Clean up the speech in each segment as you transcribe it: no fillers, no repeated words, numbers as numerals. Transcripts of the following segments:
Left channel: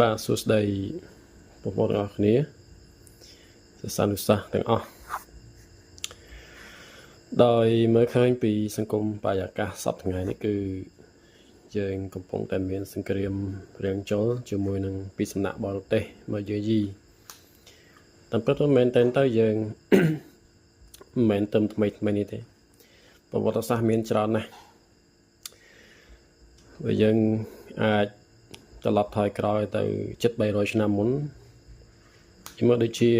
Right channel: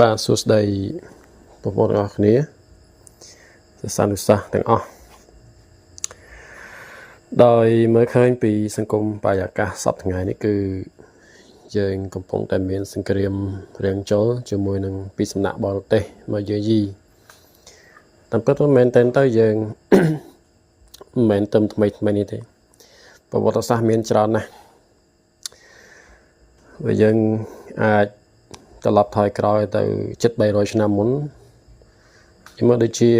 បាទសួស្តីបងប្អូនទាំងអស់គ្នាសិស្សានុសិស្សទាំងអស់ដោយមើលឃើញពីសង្គមបរិយាកាសសពថ្ងៃនេះគឺយើងកំពុងតែមានសង្គ្រាមរាំងចូលជាមួយនឹងពីសំណាក់បរទេសមកយាយីតាមពិតទៅមែនតែយើងមិនមែនតែថ្មីនេះទេប្រវត្តិសាស្ត្រមានច្រើនណាស់បើយើងអាចត្រឡប់ថយក្រោយទៅជិត300ឆ្នាំមុនខ្ញុំមកដូចជា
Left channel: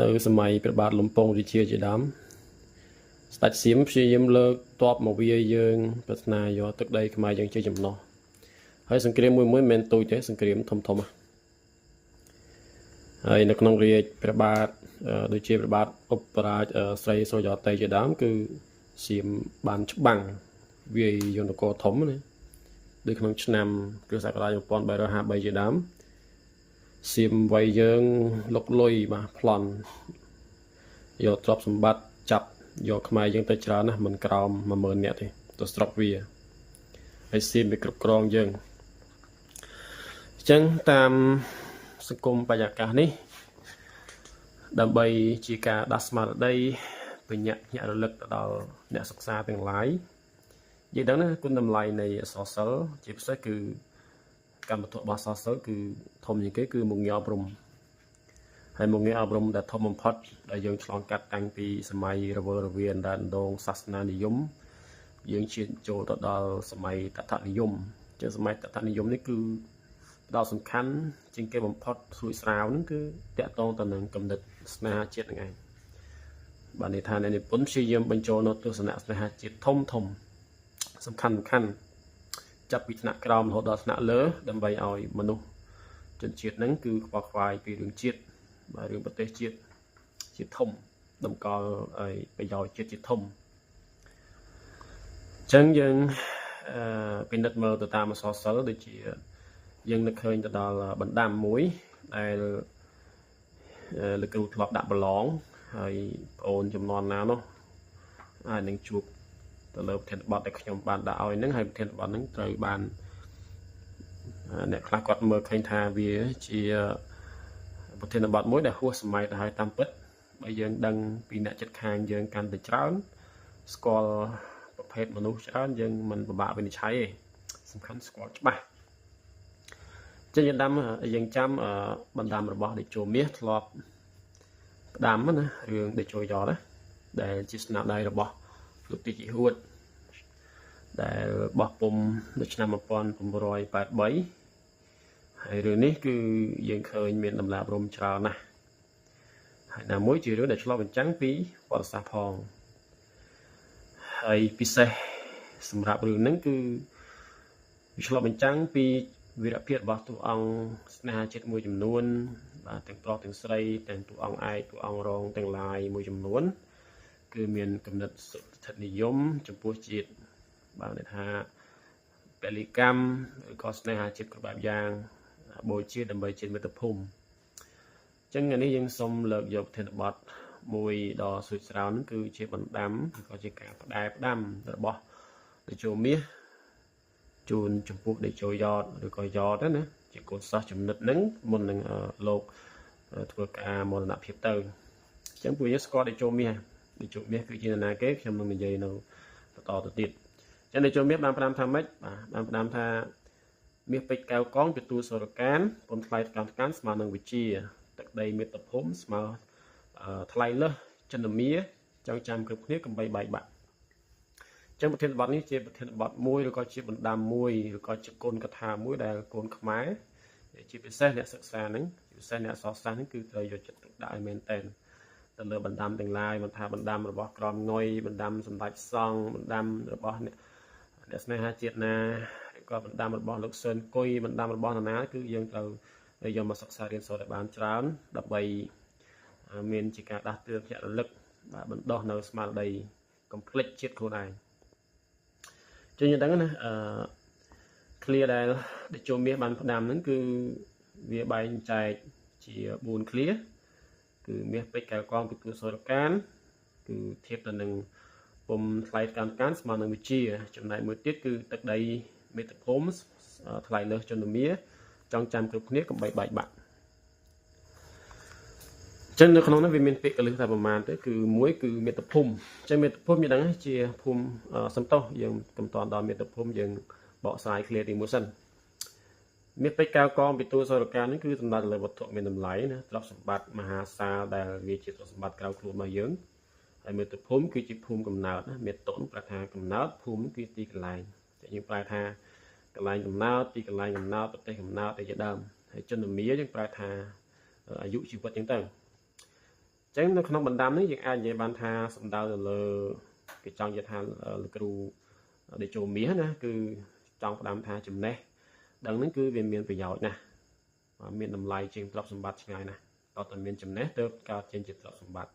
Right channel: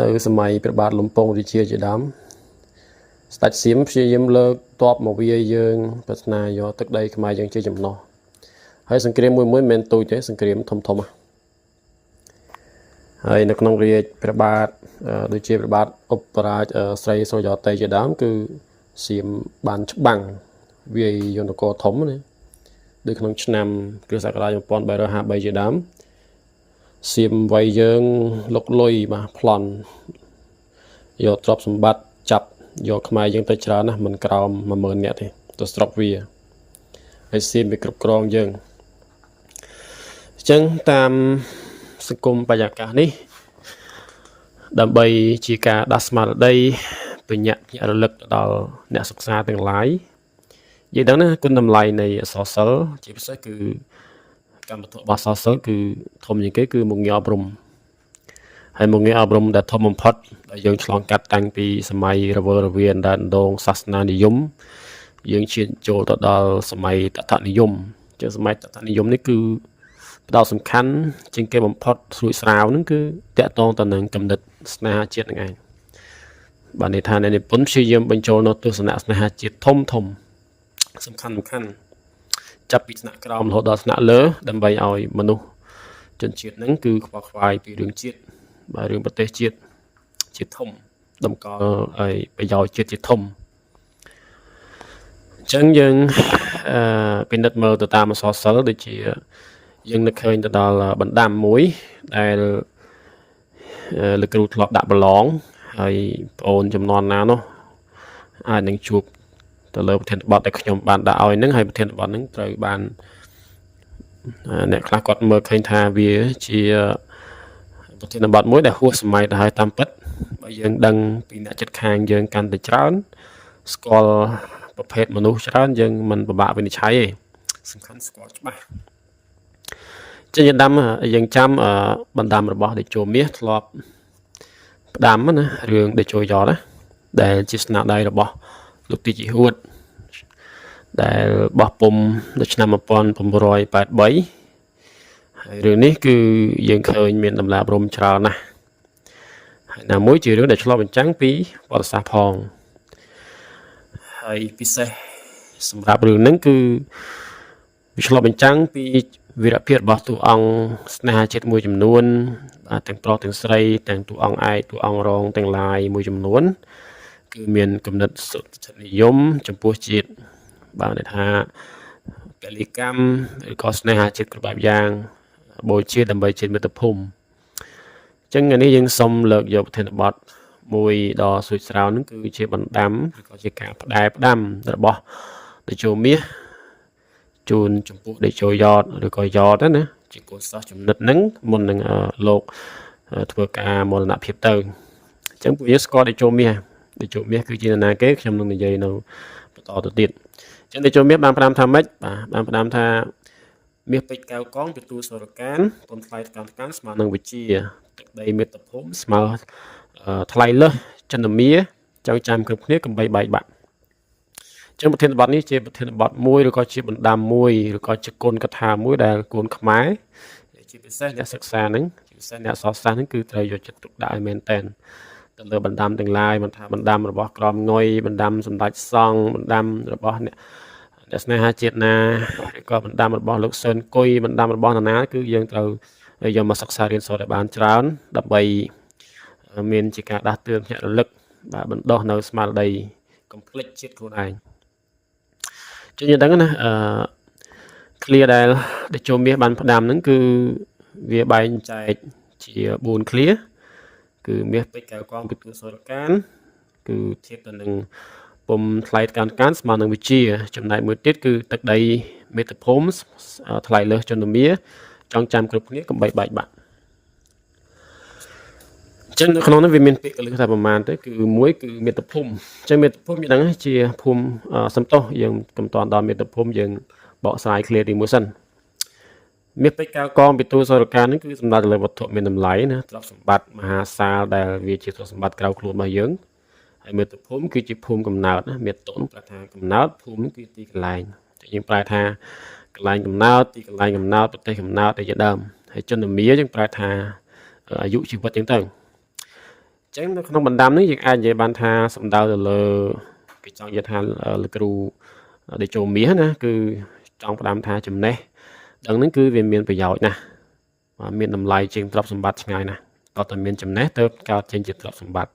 នៅសម័យព្រះបាទលំពង់រាជាជាដើមស្ដេចសៀមព្យាយាមលើកទ័ពមកវាយយើងប្រាថ្នាយកទឹកដីខ្មែរយើងជាចំណោះហើយសង្គ្រាមមួយមិនមែនទូចទេសង្គ្រាមធំហើយនៅក្នុងរាជព្រះបាទដូចជាព្រះបាទឧបរាជស្រីសុរិយោទ័យជាដើមគឺសៀមបានច្បាំងវាយយន្តគរធំណាដូចក្នុងឆ្នាំគ្រិស្តសករាជ1353ជាដើមសៀមវាយយើងលុកលុយបាទប្លន់យកទ្រព្យសម្បត្តិចាប់យកខ្មែរយើងទៅច្រើនណាស់មិនក្រោម 10000 នាក់ទេទៅស្រុកវាហើយសៀមវាគ្រប់គ្រងយើងអញ្ចឹងតាមសង្គមបរិយាកាសនេះដើម្បីជាការដាស់ស្មារតីបញ្ញាក់រលឹកទៅដល់អ្នកសិក្សាទាំងឡាយនិយាយដល់ណាគុណតម្លៃនៃអក្សរសិល្ប៍ជាពិសេសគឺកម្មវត្ថុរបស់អក្សរសិល្ប៍គឺធំជាងគេគឺមុខងារអប់រំហើយមុខងារអប់រំដែលធំបំផុតដែលយើងឆ្លងកាត់តាំងពីសម័យរវើរវាយដណ្ដងសាសនានិយមយើងឈានចូលទៅដល់សម័យតថនិយមជាសម័យតថនិយមនេះគឺផ្ដោតសំខាន់ជាងគេបំផុតស្រួចស្រាវនឹងគឺតកតងទៅនឹងគំនិតស្នេហាជាតិនឹងឯងបានន័យថាអ្នកនិពន្ធព្យាយាមបញ្ចូលនៅទស្សនៈស្នេហាជាតិធំសំខាន់ចាប់ពីថ្នាក់ក្រោមរហូតដល់ថ្នាក់លើដើម្បីឲ្យមនុស្សជនជាតិហ្នឹងគឺខ្វល់ខ្វាយពីរឿងជាតិបាទរឿងប្រទេសជាតិធំតម្កល់ឲ្យប្រយោជន៍ជាតិធំអញ្ចឹងយើងពិនិត្យមើលទៅតាមអក្សរសិល្ប៍ដូចជាយើងនឹកឃើញទៅដល់បណ្ដាំមួយដែលលោកគ្រូធ្លាប់ដាក់ប្រឡងហើយបងអូនចំនួនណានោះអាចនឹងជួបទៅលើប្រធានបទដែលខ្ញុំបានដាក់ឲ្យហ្នឹងហើយប្រធានបទហ្នឹងត្រូវបានអ្នកខ្លះគាត់មើលឃើញថាវាជាប្រធានបទមួយដែលហួសសម័យទៅហើយតាមពិតបើយើងដឹងពីអ្នកចិត្តខាងយើងកាន់តែច្រើនស្គាល់ប្រភេទមនុស្សច្រើនយើងមិនពិបាកវិនិច្ឆ័យទេសំខាន់ស្គាល់ច្បាស់ចឹងយើងចាំបណ្ដាំរបស់តេជោមាសធ្លាប់ផ្ដាំណារឿងតេជោយ៉តណាដែលជាស្នាដៃរបស់លោកទីជីហួតដែលបោះពុំនៅឆ្នាំ1983ហើយរឿងនេះគឺយើងឃើញមានតម្លាប់រំច្រើនណាស់ហើយណាមួយជារឿងដែលឆ្លុះបញ្ចាំងពីប្រវត្តិសាស្ត្រផងហើយពិសេសសម្រាប់រឿងហ្នឹងគឺវាឆ្លុះបញ្ចាំងពីវីរភាពរបស់តួអង្គស្នេហាជាតិមួយចំនួនបាទទាំងប្រុសទាំងស្រីទាំងតួអង្គឯកតួអង្គរងទាំងឡាយមួយចំនួនគឺមានគំនិតសុទ្ធិនិយមចំពោះជាតិបាទន័យថាពលិកម្មឬក៏ស្នេហាជាតិគ្រប់បែបយ៉ាងបូជាដើម្បីជាតិមាតុភូមិអញ្ចឹងនេះយើងសូមលើកយកប្រធានបទមួយដ៏ស្រួចស្រាវនឹងគឺជាបណ្ដាំឬក៏ជាការផ្ដាំរបស់តេជោមាសជូនចំពោះតេជោយ៉តឬក៏យ៉តណាជាកូនសិស្សចំណិតហ្នឹងមុននឹងលោកធ្វើការមរណភាពទៅអញ្ចឹងពួកយើងស្គាល់តេជោមាសគឺជានរណាគេខ្ញុំនឹងនិយាយនៅបន្តទៅទៀតអញ្ចឹងតេជោមាសបានផ្ដាំថាម៉េចបាទបានផ្ដាំថាមាសពេជ្រកែវកងទទួលសរកានពន្ធថ្លៃកម្មការស្មើនឹងវិជាទឹកដីមាតុភូមិស្មើថ្លៃលើសចន្ទមាចៅចាំគ្រប់គ្នាកំបីបែកបាក់អញ្ចឹងប្រធានបទនេះជាប្រធានបទមួយឬក៏ជាបណ្ដាំមួយឬក៏ជាគុណកថាមួយដែលកូនខ្មែរជាពិសេសអ្នកសិក្សាហ្នឹងជាពិសេសអ្នកសរសាស្ត្រហ្នឹងគឺត្រូវយកចិត្តទុកដាក់ឲ្យមែនតែនទៅលើបណ្ដាំទាំងឡាយមិនថាបណ្ដាំរបស់ក្រមងុយបណ្ដាំសម្ដេចសង្ឃបណ្ដាំរបស់អ្នកស្នេហាជាតិណាឬក៏បណ្ដាំរបស់លោកសឿនគុយបណ្ដាំរបស់នរណាគឺយើងត្រូវយកមកសិក្សារៀនសូត្រឲ្យបានច្រើនដើម្បីមានជាការដាស់តឿនភ្ញាក់រលឹកបាទបណ្ដុះនៅស្មារតីកុំភ្លេចជាតិខ្លួនឯងចឹងយើងដឹងណាclear ដែលតេជោមាសបានផ្ដាំហ្នឹងគឺវាបែងចែកជា4 clear គឺមាសពេជ្រកែវកងពិទូសរកានគឺធៀបទៅនឹងពុំថ្លៃកម្មការស្មើនឹងវិជាចំណែកមួយទៀតគឺទឹកដី មេត្តាភូមិថ្លៃលើសជនមាចងចាំគ្រប់គ្នាកុំបីបែកបាក់ចឹងនៅក្នុងនោះវាមានពាក្យកលឹះថាប្រមាណទៅគឺមួយគឺមេត្តាភូមិចឹងមេត្តាភូមិយើងដឹងជាភូមិសំទោសយើងកំតាន់ដល់មេត្តាភូមិយើងបកស្រាយឃ្លាទីមួយសិនមាសពេជ្រកៅកងពិទូសរការនេះគឺសំដៅទៅលើវត្ថុមានតម្លៃណាទ្រព្យសម្បត្តិមហាសាលដែលវាជាទ្រព្យសម្បត្តិក្រៅខ្លួនរបស់យើងហើយមេត្តាភូមិគឺជាភូមិកំណើតណាមេត្តានោះប្រែថាកំណើតភូមិគឺទីកន្លែងយើងប្រែថាកន្លែងកំណើតទីកន្លែងកំណើតប្រទេសកំណើតជាដើមហើយជនមាយើងប្រែថាអាយុជីវិតចឹងទៅចឹងនៅក្នុងបណ្ដាំនេះយើងអាចនិយាយបានថាសំដៅទៅលើគេចង់និយាយថាលោកគ្រូដេជោមាសណាគឺចង់ផ្ដាំថាចំណេះដឹងហ្នឹងគឺវាមានប្រយោជន៍ណាស់មានតម្លៃជាងទ្រព្យសម្បត្តិឆ្ងាយណាស់តើតើមានចំណេះទៅកើតចេញជាទ្រព្យសម្បត្តិ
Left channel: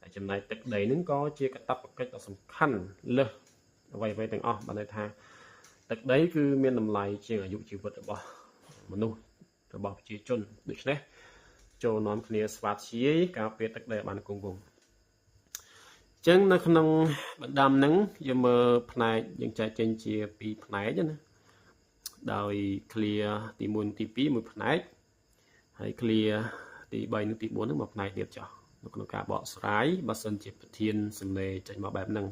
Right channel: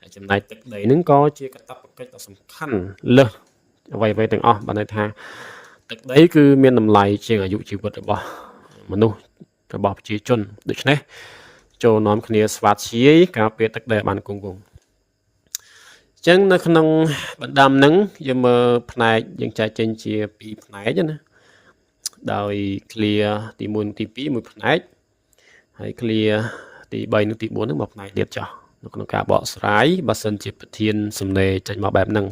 ហើយចំណែកទឹកដីហ្នឹងក៏ជាកាតព្វកិច្ចដ៏សំខាន់លើសអ្វីៗទាំងអស់បានន័យថាទឹកដីគឺមានតម្លៃជាងអាយុជីវិតរបស់មនុស្សរបស់ប្រជាជនដូច្នេះចូលនាំគ្នាស្វាធ្យាយការពារទឹកដីបានគង់វង្សអញ្ចឹងនៅក្នុងបណ្ដាំហ្នឹងយើងមើលផ្នែកយើងចែកចេញជា2ផ្នែកណាដោយ clear ទី1និងទី2មួយផ្នែកហើយ clear ទី3និងទី4ហ្នឹងមួយផ្នែកទៀតចុះនៅក្នុងការបកស្រាយបើសិនជាប្រធានសំណេរចេញមកបែបហ្នឹង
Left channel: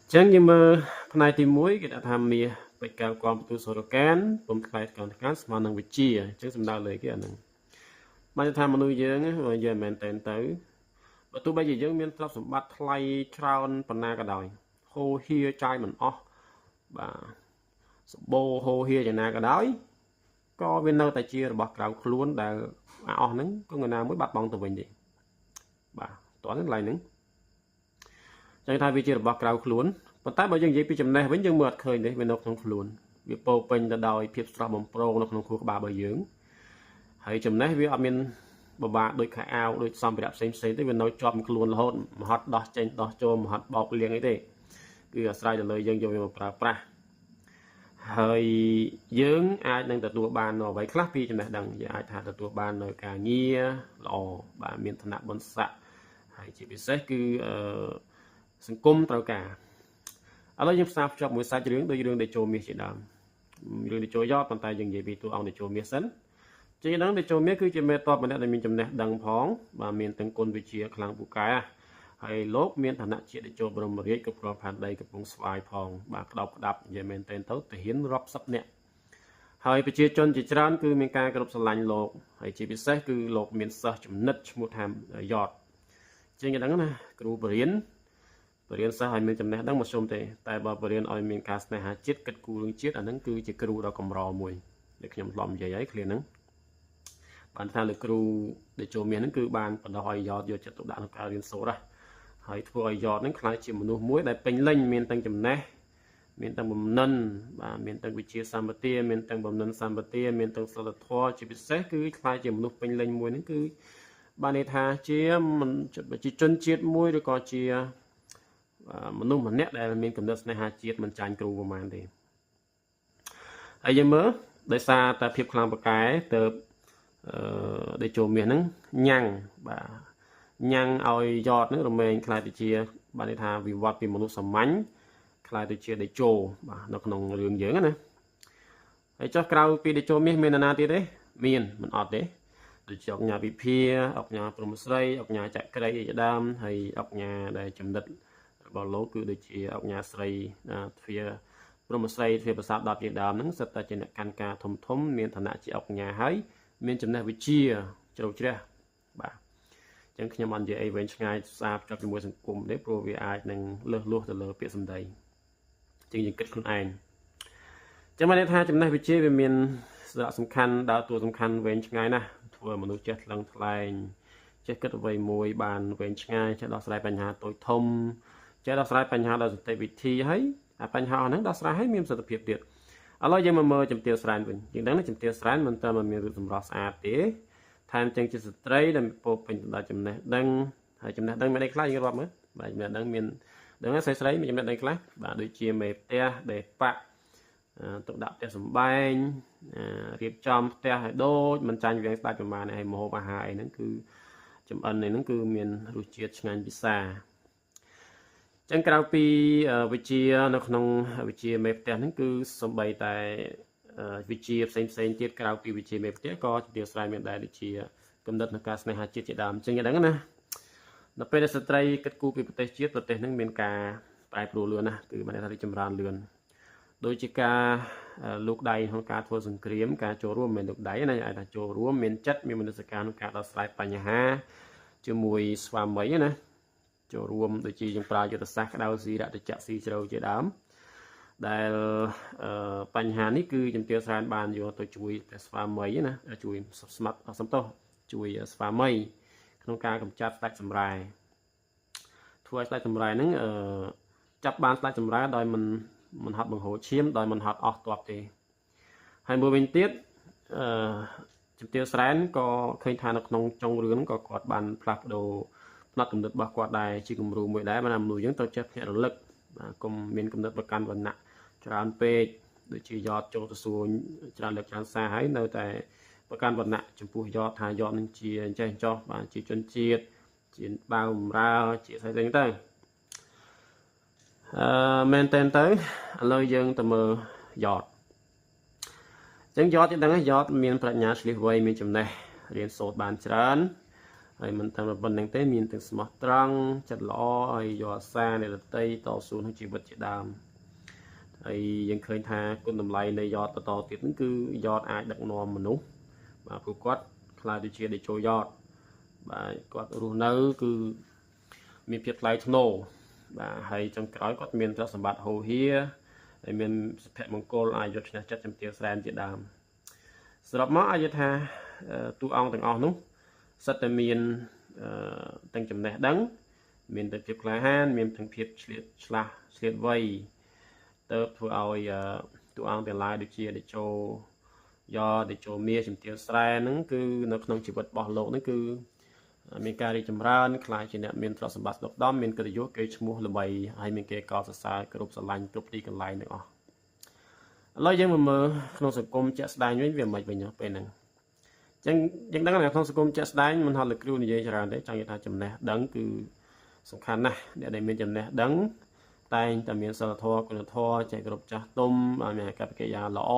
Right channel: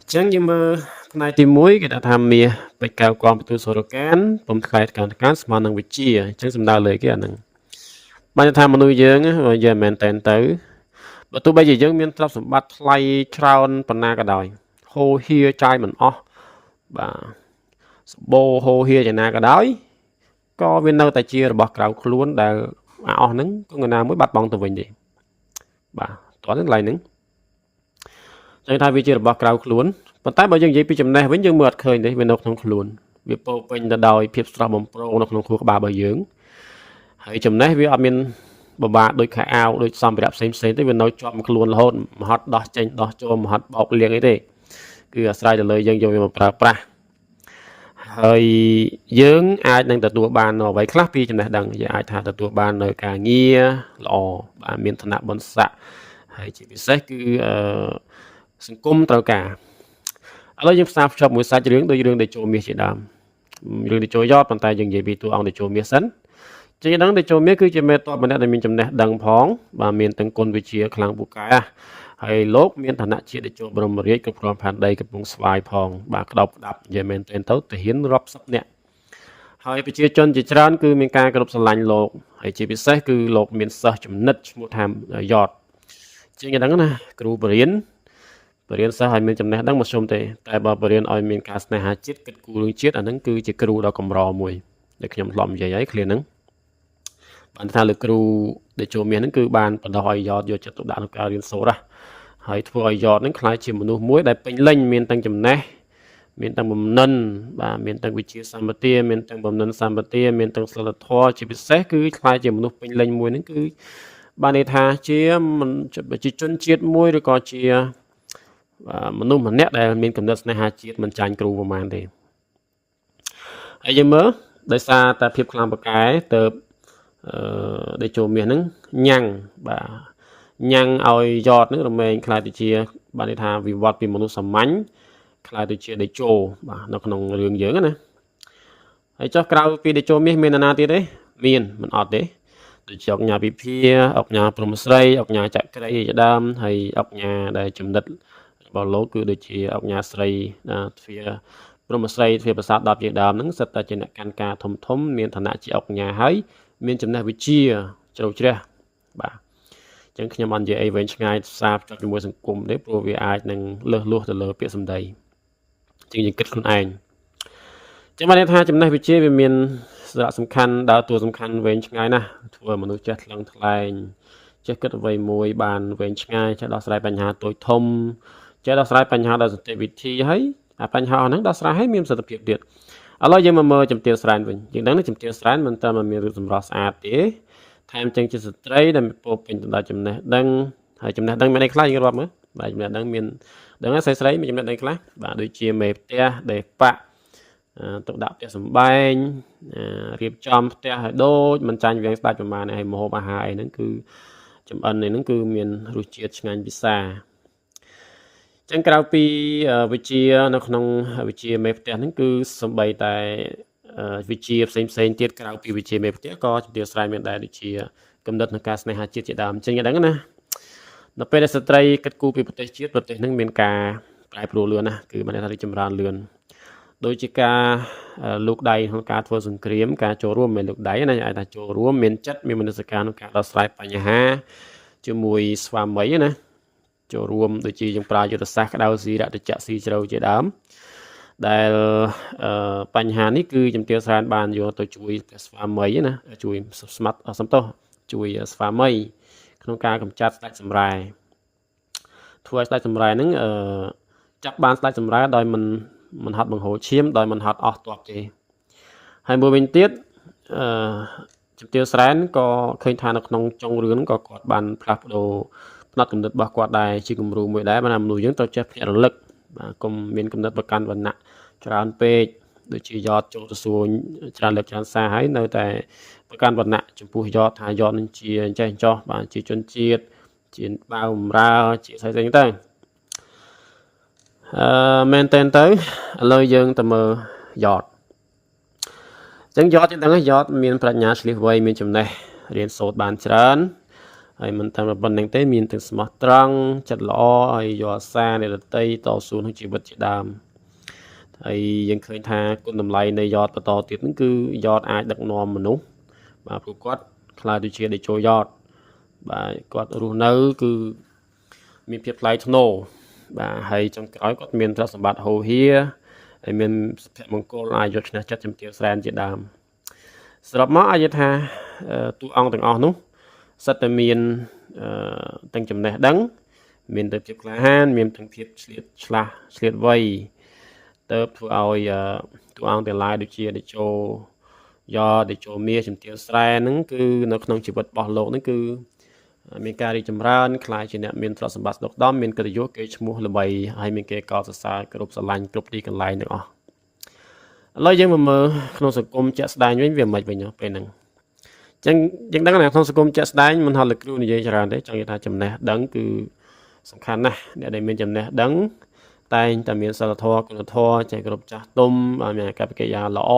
អញ្ចឹងយើងមើលផ្នែកទី1គេថាមាសពេជ្រកៅកងពិទូសរការពុំថ្លៃការស្មើនឹងវិជាអញ្ចឹងសំដៅលើគេអាហ្នឹងបានថាមនុស្សយើងយើងមិនមែនតែនទៅបើទោះបីជាយើងមានទ្រព្យសម្បត្តិថ្លៃច្រើនប៉ុណ្ណាក៏ដោយហូរហៀចាយមិនអស់បាទសម្បូរហូរហៀយ៉ាងណាក៏ដោយក៏វានៅតែជារបស់ក្រៅខ្លួនដែលអស់ហ្នឹងក៏ងណាមួយបាត់បង់ទៅវិញទេបាទតោះហ្នឹងឡើយហ្នឹងចឹងថាវាជារបស់ក្រៅខ្លួនប៉ុន្តែបើយើងនិយាយពីចំណេះវិញយើងមើលអត់ឃើញទេវានៅក្នុងខ្លួនវាពោពេញទៅដោយភាពស្រស់បំព្រងនៅក្នុងខួរក្បាលរបស់យើងហើយចំណេះវាអត់មានបបាដូចខោអាវដូចសម្ភារៈផ្សេងទេវានៅជាប់ខ្លួនរហូតមហត់ដោះចេញដោះចូលមហត់បោកលៀងអីទេគឺអាស្រ័យទៅលើយើងយកវាមកប្រើប្រាស់ហើយយើងអាចនឹងទទួលបានអ្វីខ្លះពីចំណេះដឹងយើងអាចថាទទួលបាននៅការងារល្អបាទមានឋានៈបុណ្យស័ក្តិហើយជាពិសេសគឺសង្គមត្រូវការឥឡូវយើងផ្សារភ្ជាប់មួយសាច់រឿងដូចរឿងតេជោមាសជាដើមរឿងតេជោយ៉តប៉ុន្តែយើងនិយាយពីតួអង្គតេជោមាសសិនជាដឹងតេជោមាសគឺជាមេតបម្នាក់ដែលមានចំណេះដឹងផងបាទមានទាំងគុណវិជ្ជាខ្លាំងពូកែហើយលោកមានឋានៈជាតេជោបរមរាជគ្រប់គ្រងផែនដីកំពង់ស្វាយផងបាទក្តោបក្តាប់និយាយមែនទែនទៅទាហានរាប់សិបនាក់ហើយប្រជាជនជាច្រើនគឺមានការគោរពស្រឡាញ់លោកហើយជាពិសេសគឺលោកមានសិស្សចំណិតឈ្មោះថាយ៉តជាងយ៉ាងហ្នឹងណាគ្រូបរិញ្ញាសិស្សឲ្យមានចំណេះដឹងមកជុំទេតែបើបរិញ្ញាឲ្យមានការស្នេហាជាតិគិតគូររឿងជាតិអាហ្នឹងគឺជាគ្រូដ៏កម្រមួយដែលខ្ញុំធ្លាប់និយាយហើយឃ្លាហ្នឹងបានថាលោកគ្រូតេជោមាសហ្នឹងគឺបានបណ្ដោះឲ្យយ៉តយកចិត្តទុកដាក់ក្នុងការរៀនសូត្រហើយធ្វើឲ្យយ៉តហ្នឹងក្លាយជាមនុស្សមួយដែលពេញលេញមានទាំងចំណេះមានទាំងបំណិនបាទមានទាំងវិជ្ជាសម្បទាមានទាំងបំណិនសម្បទាមានទាំងសិលធម៌ជាពិសេសគឺក្លាយជាមនុស្សពេញលេញមួយហ្នឹងគឺបានន័យថាជាប្រជាជនជាតិមួយឬក៏ជាមនុស្សម្នាក់ដែលមានកំណត់ស្នេហាជាតិមិនចាញ់គ្រូប្រហែលទេហើយយើងមើលដោយសារតែភាពខ្លាំងពូកែទៅតេជោមាសហ្នឹងញ៉ាំងបាទញ៉ាំងឲ្យយ៉តហ្នឹងរមែងខ្លាយទៅជាបានន័យថាវិវត្តពីមនុស្សសាមញ្ញខ្លាយទៅជាតេជោបាទនៅក្នុងរឿងយើងណាហើយចុះក្រៅពីតេជោមាសមាននរណាទៀតទេមានមិនអត់ទេដូចជាអង្គញាពិភាអង្គញាព្រំស្រីអង្គញាចក្រីជាដើមហើយអង្គញាដែលចំណិតរបស់លោកគឺដូចជាអង្គញាស្រីទ្វាព្រំស្រីទ្វាប្រាសាទ10ជាដើមហ្នឹងសិតតែជាអ្នកកាន់ការធំមានឋានៈជាអង្គញាហើយមានចំណេះវិជ្ជាជ្រៅជ្រះបាទអញ្ចឹងខ្ញុំអត់និយាយអីវែងឆ្ងាយសារភ្ជាប់ជាមួយសង្គមទេព្រោះវាអាចនឹងលើសលួសទៅលើពាក្យសម្ដីអញ្ចឹងយើងគិតខ្លួនឯងចាំបានថាចំណេះវិជ្ជាវាមានសារៈសំខាន់ដើរតួសំខាន់វែងឆ្ងាយណាស់ធ្វើមនុស្សចេះថ្លឹងថ្លែងចេះគិតអ្វីមួយបានវែងឆ្ងាយចេះដោះស្រាយបញ្ហាតូចធំចេះដោះស្រាយបញ្ហាដោយសន្តិវិធីហើយអាបញ្ហាហ្នឹងដោះស្រាយឲ្យមានប្រសិទ្ធភាពទៀតឥឡូវយើងមកមើលជំទាវស្រែនវិញយើងដឹងជំទាវស្រែនមិនតែមានរូបសម្រស់ស្អាតទេថែមទាំងជាស្ត្រីដែលពោពេញទៅដោយចំណេះដឹងហើយចំណេះដឹងមានអីខ្លះយើងរាប់មើលបាទចំណេះដឹងមានដឹងស្រីមានចំណេះដឹងខ្លះបាទដូចជាមេផ្ទះដេប៉ាទុកដាក់ផ្ទះសម្បែងរៀបចំផ្ទះឲ្យដូចមិនចាញ់វាងស្ដាច់ប្រមាណហើយម្ហូបអាហារអីហ្នឹងគឺចំអិននេះហ្នឹងគឺមានរសជាតិឆ្ងាញ់ពិសាអញ្ ចឹងក្រៅពីវិជានៅក្នុងវិជាមេផ្ទះហ្នឹងគឺសំបីតែវិជាផ្សេងទៀតក្រៅពីវិជាមេផ្ទះក៏ជំទាវស្រាយមានដែរដូចជាគំនិតនៃការស្នេហាជាតិជាដើមចឹងយ៉ាងហ្នឹងណានៅពេលដែលស្ត្រីគិតគូរពីប្រទេសជាតិប្រទេសហ្នឹងមានការប្រែប្រួលលឿនណាគឺបានថារីកចម្រើនលឿនដូចជាការលោកដៃក្នុងការធ្វើសង្គ្រាមការចូលរួមមិនលោកដៃណាអាចថាចូលរួមមានចិត្តមានមនសិការក្នុងការដោះស្រាយបញ្ហាជាមួយស្វាមីណាចូលរួមដូចជាយើងប្រើយុទ្ធសាស្ត្រក្តៅស៊ីរតចៈស៊ីជ្រៅជាដើមដែលបញ្ហានេះគឺជំទាវស្រានបានយកទៅជួយស្វាមីណាជួយស្មាត់សំទោសជួយស្វាមីក្នុងការកម្ចាត់ស្ដេចសម្រែធ្វើឲ្យស្ដេចសម្រែហ្នឹងចាប់បានស្ដេចសម្រែដោយមិនហត់បង្ហូរឈាមដោយមិនហត់អស់ទ័ពទេហើយមួយវិញទៀតជំទាវស្រានក៏ឃើញថានៅក្នុងចុងរឿងក៏គាត់បានផ្លាស់ប្ដូរផ្នត់គំនិតរបស់គាត់ដែរជាគំរូមួយដែរបានមនុស្សយើងត្រូវចេះភ្ញាក់រលឹកបាទកុំមានគំនិតប្រកាន់វណ្ណៈច្រើនពេកដូចជាយ៉តចូលទៅសួរច្រើនលើកច្រើនសារហើយនៅតែប្រកាន់វណ្ណៈចំពោះយ៉តថាយ៉តនឹងជាអញ្ចេះអញ្ចោះបាទជាជនជាតិជាបាវបម្រើជាស្អីទៅមែនតើទៅឥឡូវយើងទៅមើលយ៉តអញ្ចឹងយ៉តយើងដឹងហើយយ៉តមានប្រាជ្ញាឆ្លៀសវៃមានចំណេះរៀនសូត្របានច្រើនហើយមិនតែប៉ុណ្្នឹងទេមានទាំងស្មោះត្រង់ចិត្តល្អហើយយកអាសានៃរតីតស៊ូក្នុងជីវិតជាដើមហើយយើងឃើញថាគុណតម្លៃនៃយ៉តបន្តទៀតហ្នឹងគឺយ៉តអាចដឹកនាំមនុស្សបាទព្រោះគាត់ខ្លាចដូចជាដេជោយ៉តបាទគាត់រស់នៅគឺមានភាពថ្លៃថ្នូរបាទហើយចុងក្រោយគាត់មានទ្រព្យសម្បត្តិហូរហៀហើយមានសុភមង្គលអាចយកឈ្នះចិត្តជំទាវស្រានជាដើមសរុបមកអាចនិយាយថាតួអង្គទាំងអស់នោះសិតតែមានទាំងចំណេះដឹងមានទៅភាពក្លាហានមានទាំងភាពឆ្លៀតវៃទៅធ្វើឲ្យតួអង្គទាំងឡាយដូចជាតេជោតេជោមាសជំទាវស្រែហ្នឹងគឺនៅក្នុងជីវិតរបស់លោកហ្នឹងគឺមានការរីកចម្រើនខ្លាយជាអ្នកមានទ្រព្យសម្បត្តិស្ដុកដម្ភមានកិត្តិយសគេឈ្មោះល្បីហើយមានគេកោតសរសើរគ្រប់ស្រឡាញ់គ្រប់ទីកន្លែងទាំងអស់ឥឡូវយើងមកមើលក្នុងសង្គមជាក់ស្ដែងវិញវាមិនវិញពេលហ្នឹងអញ្ចឹងយើងដឹងថាក្នុងសង្គមជាក់ស្ដែងមិនហត់លោកគ្រូនិយាយច្រើនទេចង់និយាយថាចំណេះដឹងគឺសំខាន់ណាស់អ្នកដែលមានចំណេះដឹងតែងតែមានសិលធម៌គុណធម៌ចេះគោរពចាស់ទុំឲ្យមានអាកប្បកិរិយាល្អ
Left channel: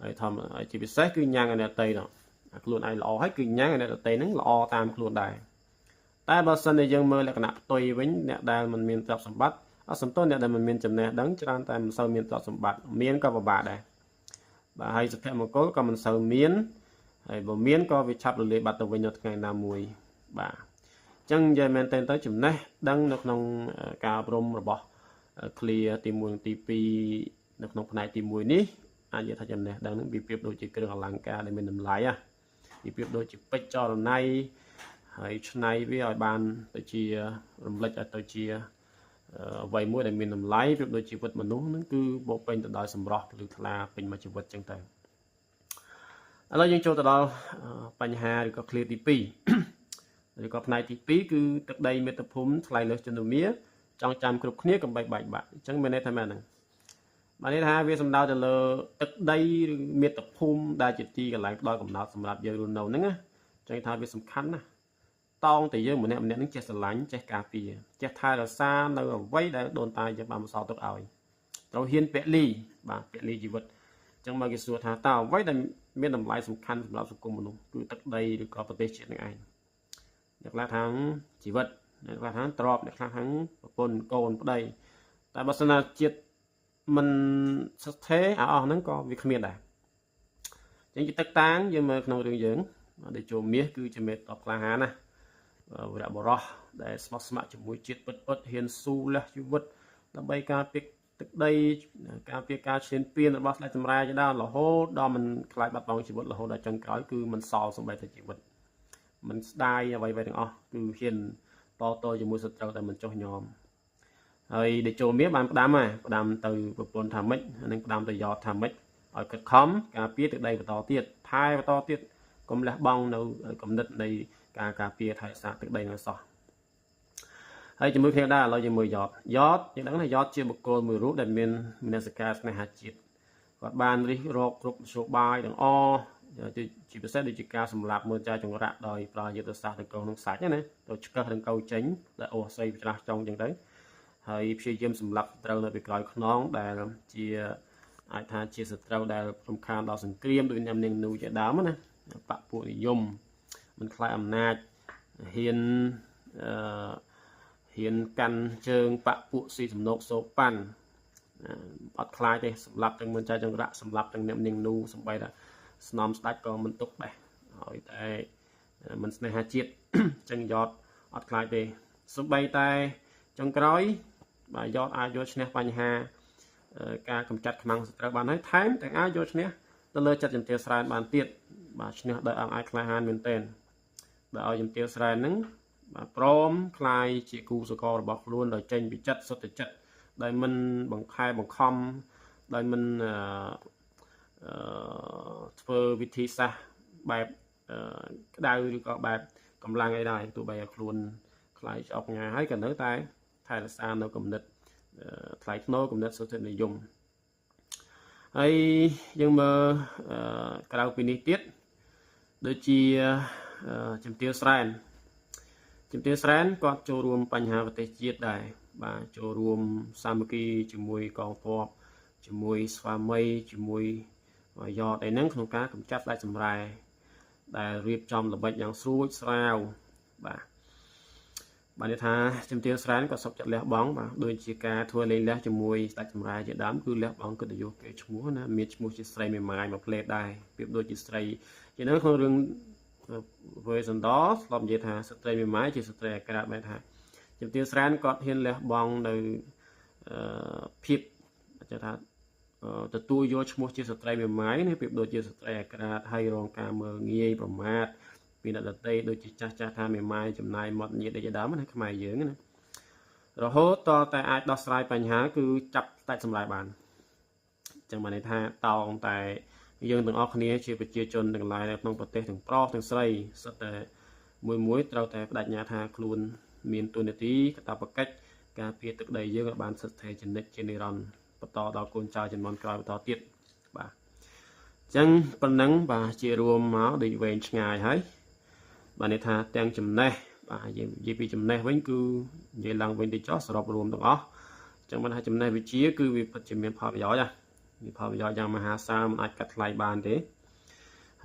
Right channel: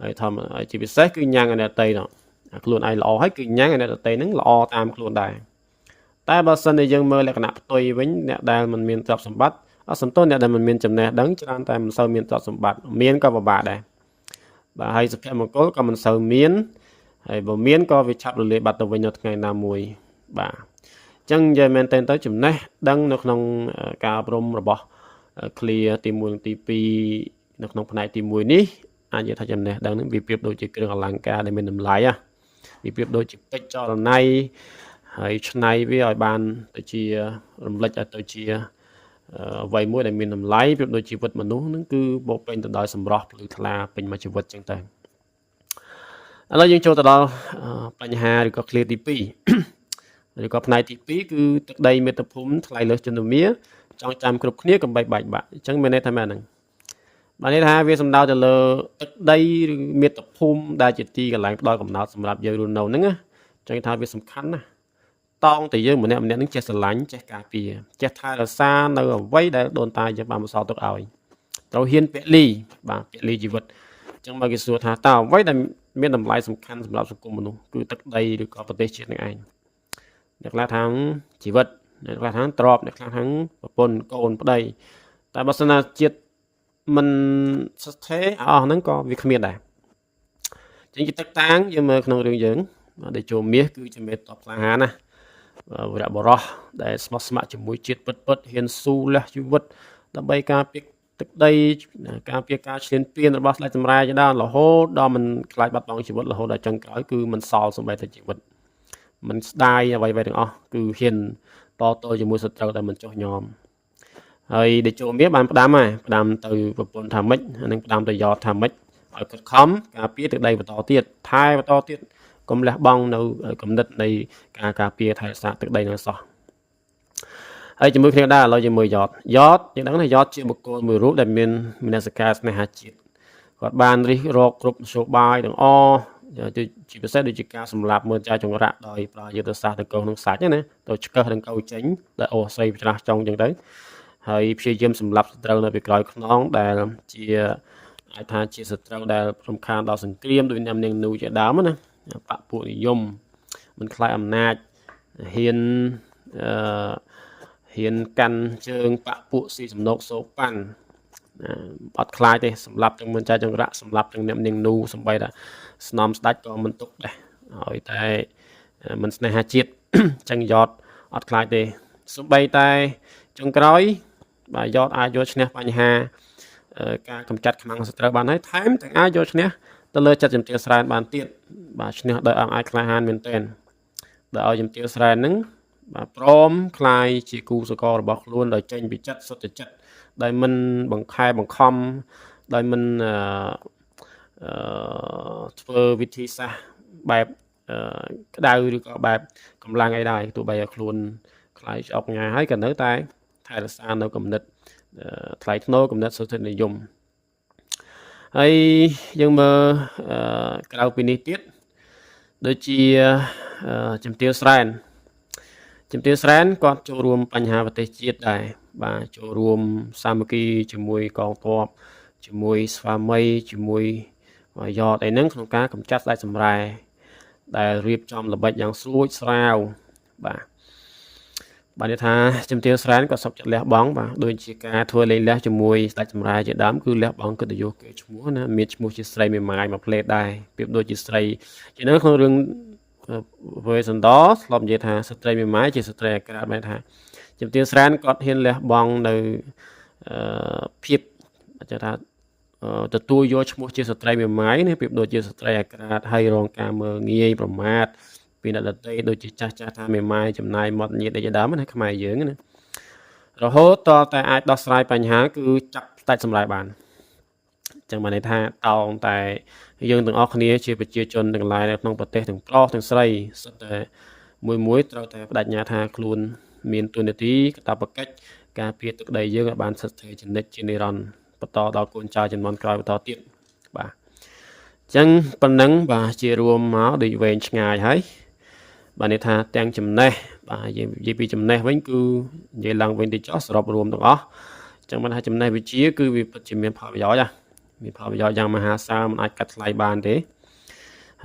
ហើយធម្មជាពិសេសគឺញ៉ាំងឲ្យអ្នកដទៃនោះខ្លួនឯងល្អហើយគឺញ៉ាំងឲ្យអ្នកដទៃហ្នឹងល្អតាមខ្លួនដែរតែបើសិនជាយើងមើលលក្ខណៈផ្ទុយវិញអ្នកដែលមិនមានទ្រព្យសម្បត្តិអត់សំទោសអ្នកដែលមិនមានចំណេះដឹងច្រើនតែមិនសូវមានទ្រព្យសម្បត្តិមានក៏ពិបាកដែរបាទហើយសុភមង្គលក៏មិនសូវមានហើយបើមានក៏វាឆាប់រលាយបាត់ទៅវិញនៅថ្ងៃណាមួយបាទអញ្ចឹងនិយាយមែនទៅចំណេះដឹងនៅក្នុងការអប់រំរបស់ឃ្លាទី1និងទី2នៅក្នុងផ្នែកទី1នេះអាចនិយាយថាចំណេះដឹងនឹងវាប្រៀបដូចជាគ្រឿងអលង្ការដែលមានតម្លៃវាប្រៀបដូចជាពេជ្រចល័យហើយឆ្នៃវាឲ្យបានទៅជារំលេចឲ្យទៅជាអ្វីមួយដែលមានតម្លៃប្រៀបដូចជីវិតមនុស្សហ្នឹងគឺបូកពេញទៅដោយសម្រស់ភ្លឺថ្លាពេញមួយជីវិតចឹងទៅឥឡូវយើងចូលទៅដល់បញ្ហាឬក៏ឃ្លាទី2ឬក៏ផ្នែកទី2គឺទឹកដីមាតុភូមិថ្លៃលើសជនមាចង់ចាំគ្រប់គ្នាកុំបែកបាក់អញ្ចឹងមានន័យថាម៉េចហ្នឹងបានន័យថាវាសំដៅទៅលើទឹកដីឬមាតុភូមិដែលជាទីកន្លែងផ្ដល់កំណើតសម្រាប់យើងរស់នៅហ្នឹងណាចឹងថាវាសំខាន់ណាស់តោងតែយើងម្នាក់នឹងចេះស្រឡាញ់ចេះការពារចេះថែរក្សានៅអ្វីដែលដូនតាយើងបានបន្សល់ទុកឲ្យត្រូវហ៊ានពលីបាទពលីជីវិតអញ្ចឹងមកគេសួរថាតើអ្វីដែលមានតម្លៃសំខាន់សម្រាប់សង្គមមនុស្សគឺទឹកដីឬក៏ប្រទេសជាតិនឹងឯងអ្នកខ្លះថាជីវិតអ្នកខ្លះថាទ្រព្យអ្នកខ្លះថាប្រពន្ធកូនប្តីតែបើសិនណាជាតិមិនស្ថិរអស់ហ្នឹងក៏វាគ្មានដែរអញ្ចឹងជាទឹកតាំងយើងមើលក្នុងរឿងយើងដែលចូលមាសគឺជាមេតបក្លាហានណាវីរបុរសដែលស្មោះស្ម័គ្រជាមួយជាតិពិតហ៊ានស៊ូលះជីវិតដើម្បីការពារទឹកដីការពារការឈ្លានពានរបស់ស្ដេចសម្រែជាដើមរហូតដល់មិនខ្លាចបាត់បង់ជីវិតរហូតដល់ចុងក្រោយគឺមិនសល់សូម្បីតែជីវិតមិនស្ដាយអ្វីៗទាំងអស់គឺហ៊ានតទល់ជាមួយសត្រូវតែមិនចុះញោមហើយតេជោមាសបានផ្ដាំទៅប្រពន្ធថាម៉េចនិងផ្ដាំទៅយ៉តថាម៉េចឲ្យខិតខំការពារទឹកដីបន្តទៀតថែបន្តទៀតកុំលះបង់នៅគំនិតនៃការការពារថែរក្សាទឹកដីនឹងសោះហើយជាមួយគ្នាដែរឥឡូវជាមួយយ៉តយើងដឹងថាយ៉តជាបុគ្គលមួយរូបដែលមានមនសិការស្នេហាជាតិគាត់បានរិះរកគ្រប់មធ្យោបាយទាំងអស់ជាពិសេសដូចជាការសម្លាប់មើលចាយចង្រាក់ដោយប្រើយុទ្ធសាស្ត្រតកោនឹងសាច់ណាទៅឆ្កឹះនឹងកោចេញដែលអូសស្រីច្រាស់ចុងអញ្ចឹងទៅហ ហើយព្យាយាមសម្លាប់សត្រូវនៅពីក្រោយខ្នងដែលជាអាចថាជាសត្រូវដែលរំខានដល់សង្គ្រាមដោយនាងនូជាដើមណាបកពួកនិយមមិនខ្លាចអំណាចហ៊ានកាន់ជើងបកពួកស៊ីសំណុកសូប៉ាន់អត់ខ្លាចទេសម្លាប់ទាំងមិនចាចង្រៈសម្លាប់ទាំងនាងនូសំបីថាស្នំស្ដាច់ក៏មិនទុកដែរហើយតែមិនស្នេហាជាតិចឹងយ៉តអត់ខ្លាចទេសំបីតែចុងក្រោយបាទយ៉តអាចយកឈ្នះបញ្ហាការកម្ចាត់ខ្មាំងសត្រូវបានហើយថែមទាំងអាចយកឈ្នះទៅលើចិត្តជំទាវស្រែនបានទៀតបាទឈ្នះដោយអង្គអាចក្លាហានមែនទែនដោយឲ្យជំទាវស្រែនហ្នឹងបាទព្រមคลายជាគូសកលរបស់ខ្លួនដោយចេញពីចិត្តសុទ្ធចិត្តដោយមិនបង្ខែបង្ខំដោយមិនធ្វើវិធីសាស្ត្របែបក្តៅឬក៏បែបកម្លាំងអីដែរទោះបីឲ្យខ្លួនคลายអុកញ៉ាហើយក៏នៅតែថែរក្សានៅគំនិតថ្លៃថ្នូរគំនិតសុទ្ធនិយមហើយយើងមើលក្រៅពីនេះទៀតដូចជាជំទាវស្រែនគាត់ចូលរួមបញ្ហាប្រទេសជាតិដែរបាទចូលរួមសាមគ្គីជាមួយកងទ័ពជាមួយស្វាមីជាមួយយ៉តអីហ្នឹងក្នុងការកម្ចាត់ស្ដេចសម្រែដែលរៀបចំល្បិចយ៉ាងស្រួចស្រាវបាទនេះថាជំទាវស្រែនក៏សុខចិត្តលះបង់បាទដូចជាការធ្វើលេងលះជាមួយស្ដេចសម្រែជាដើមគឺលះបង់កិត្តិយសគេឈ្មោះណាមានឈ្មោះជាស្រីមេម៉ាយមួយផ្លេតដែរប្រៀបដូចជាស្រីជានៅក្នុងរឿងវេសន្តរធ្លាប់និយាយថាស្ត្រីមេម៉ាយជាស្ត្រីអាក្រាតបែរថាជំទាវស្រែនគាត់ហ៊ានលះបង់នៅភាពអាចថាទទួលយកឈ្មោះជាស្ត្រីមេម៉ាយនេះប្រៀបដូចជាស្ត្រីអាក្រាតហើយរងការមើលងាយប្រមាថពីអ្នកដទៃដូចជាចាស់ថាមេម៉ាយចំណាយមាត់ញាតដូចជាដើមណាខ្មែរយើងណារហូតតតែអាចដោះស្រាយបញ្ហាគឺចាប់ស្ដេចសម្រែបានអញ្ចឹងបានន័យថាតោងតែយើងទាំងអស់គ្នាជាប្រជាជនទាំងឡាយនៅក្នុងប្រទេសទាំងប្រុសទាំងស្រីសុទ្ធតែមួយត្រូវតែបដិញ្ញាថាខ្លួនមានទូនាទីកាតព្វកិច្ចការពារទឹកដីយើងឲ្យបានស្ថិតស្ថេរជានិច្ចជានិរន្តរ៍បន្តដល់កូនចៅជំនាន់ក្រោយបន្តទៀតបាទអញ្ចឹងប៉ុណ្ណឹងបាទជារួមមកដូចវែងឆ្ងាយហើយបាទនេះថាទាំងចំណេះបាទយើងនិយាយពីចំណេះវិញគឺនិយាយឡើងវិញទៅចោះសរុបរួមទាំងអស់អញ្ចឹងបានថាចំណេះវិជ្ជាគឺវាពិតជាមានផលប្រយោជន៍មានផលប្រយោជន៍យ៉ាងមហាសាលមិនអាចកាត់ថ្លៃបានទេ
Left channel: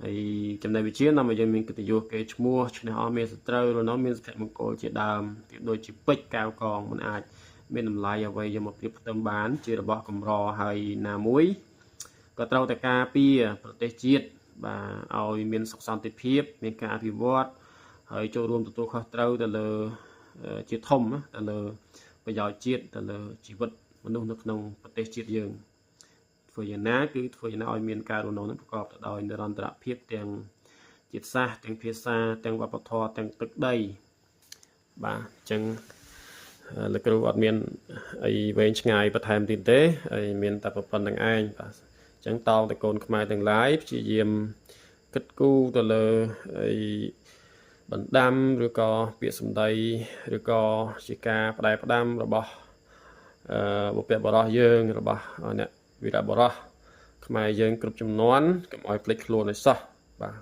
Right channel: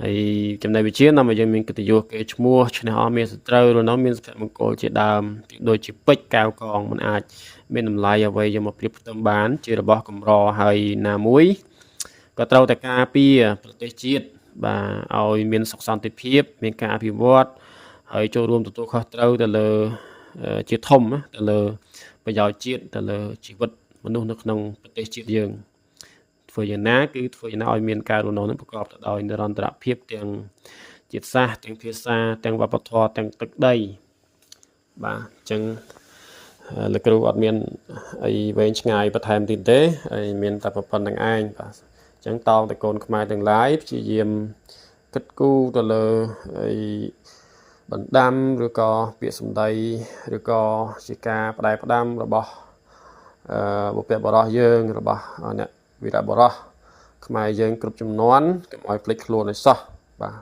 ហើយចំណេះវិជ្ជានាំឲ្យយើងមានកិត្តិយសគេឈ្មោះឈ្នះអស់មានសត្រូវរនោះមានសុភមង្គលជាដើមដូចជាពេជ្រកែវកងមិនអាចមានតម្លៃអ្វីយកមកប្រៀបផ្ទឹមបានជារបស់កម្រហើយណាមួយក៏ត្រូវតែការពារប្រទេសជាតិបាទឲ្យមានសុខសន្តិភាពមានការអភិវឌ្ឍហើយចូលរួមទទួលខុសត្រូវទៅលើជាធំទៅលើប្រយោជន៍ជាតិទៅលើជីវិតមនុស្សនៅក្នុងប្រទេសជាតិយើងធ្វើយ៉ាងណាគឺធ្វើយ៉ាងណាឲ្យមានការរស់នៅនឹងប្រកបទៅដោយនិរន្តរភាពទាំងជាតិសាសន៍ទាំងភាសាទាំងវប្បធម៌ទាំងទឹកដីបាទអញ្ចឹងលោកគ្រូអត់មានអីវែងឆ្ងាយបន្ថែមទៀតទេហើយមានតែប៉ុណ្្នឹងឯងបាទអញ្ចឹងតោងតកូនខ្មែរទាំងឡាយព្យាយាមគិតគូរទៅលើអីបណ្ដាំឬក៏ពាក្យសម្ដីឬក៏ជាការផ្ដែផ្ដាំរបស់បុព្វបុរសយើងរបស់អ្នកវីរបុរសខ្មែរយើងគ្រប់ចំនួនកុំឲ្យភ្លេចខ្លួនឲ្យសោះបាទ